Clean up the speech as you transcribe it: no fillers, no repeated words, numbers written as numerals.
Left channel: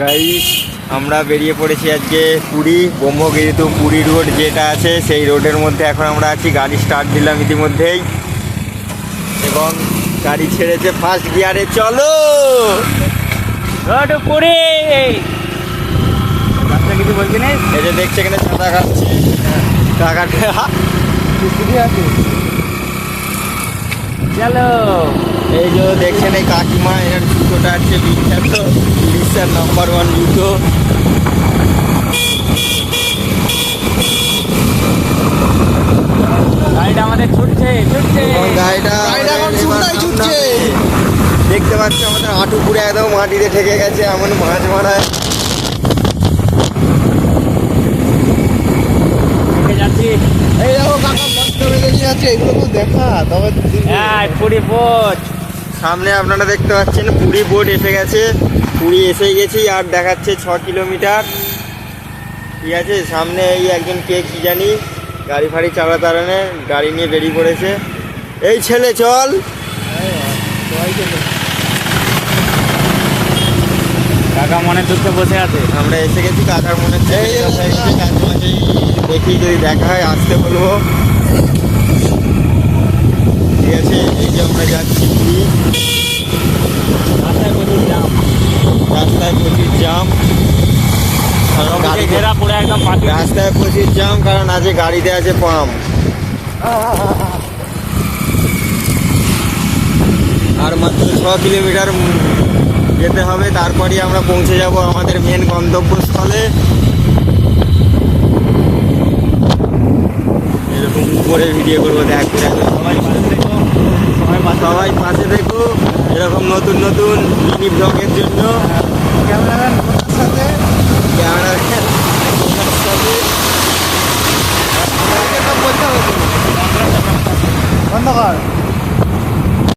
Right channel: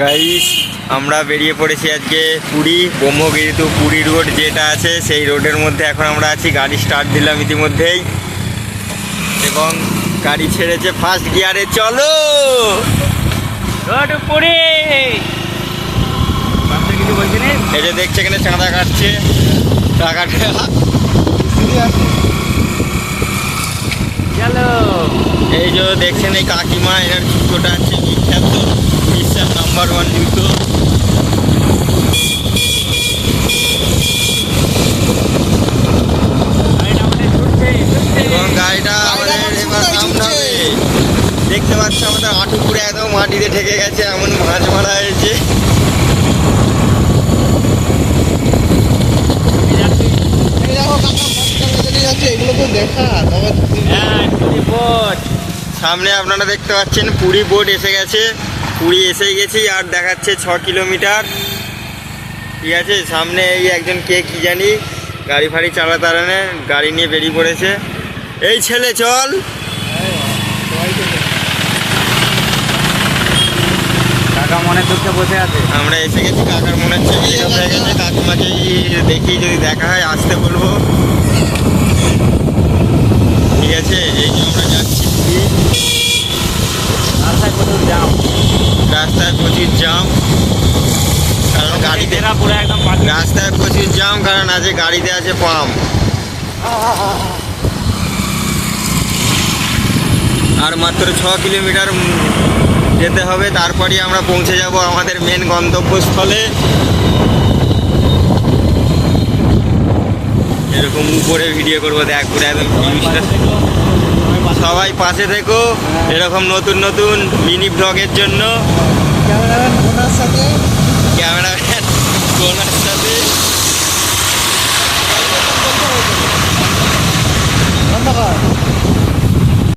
Guys আমরা বেরিয়ে পড়েছি আজকে পুরী ব্রহ্মগিরি টু পুরী রোড যেটা আছে সেই রোডের মধ্যে এখন আমরা আছি। গাড়ি স্টার্ট দিলাম ইতিমধ্যেই এবং গাড়ি ছেড়েছে ফার্স্ট গিয়ারে। চলো পুরী। এই যে দেখছে এখানে চাঁদা কাটছে, টাকাটা চলো। এই যে দেখছেন এই কাকিমা, এর জুতোটা আছে বিখ্যাত উড়িষ্যার নাম্বার 1 জুতো। এবং গাড়িটা আমাদের এবার সামনে দেখতে পাচ্ছ আমাদের হাঁটু পুরে একদম মাটিতে ঠেকে গেছে, এমন মাছ মারা হয়েছে। সামনে আপনারা দেখতে পাচ্ছেন পুরী বোট এসে গেছে। পুরী এসে গেছি আর দেখাচ্ছে 6 কিলোমিটার। ঠিক আছে, সামনে এই একজন কে কি জানি গাড়ি ফাড়ি চালাতে পারে, গাড়ি নিয়ে বেরিয়ে পড়েছে। এই ছেলে চল। কাকা মনে করতে বসে আছে, আমরা এসে গেছি। কাকার মনে হচ্ছে হয়ে গেছে। কাকিমাকে দেখি যদি দেখা হয় আসতে বলবো। ঠিক আছে, এই যে আমরা যাচ্ছি রাস্তায় প্রচুর জাম, কারণ গাড়িতে রাস্তায় প্রচুর জাম, কারণ আজকে গাড়িতে আছে পাম্প। আর মাত্র 6 কিলোমিটার যেতে হবে, তারপরই আমরা পৌঁছে যাব আমাদের মেন গন্তব্যস্থলে। এরকম উপরে ভিডিও করবো, দেখ করে একদম জিনিসটা। সবাই পাশে থেকো এরকম নতুন নতুন মিনি ব্লগের জন্য। ক্যামেরাম্যান ওনার সাথে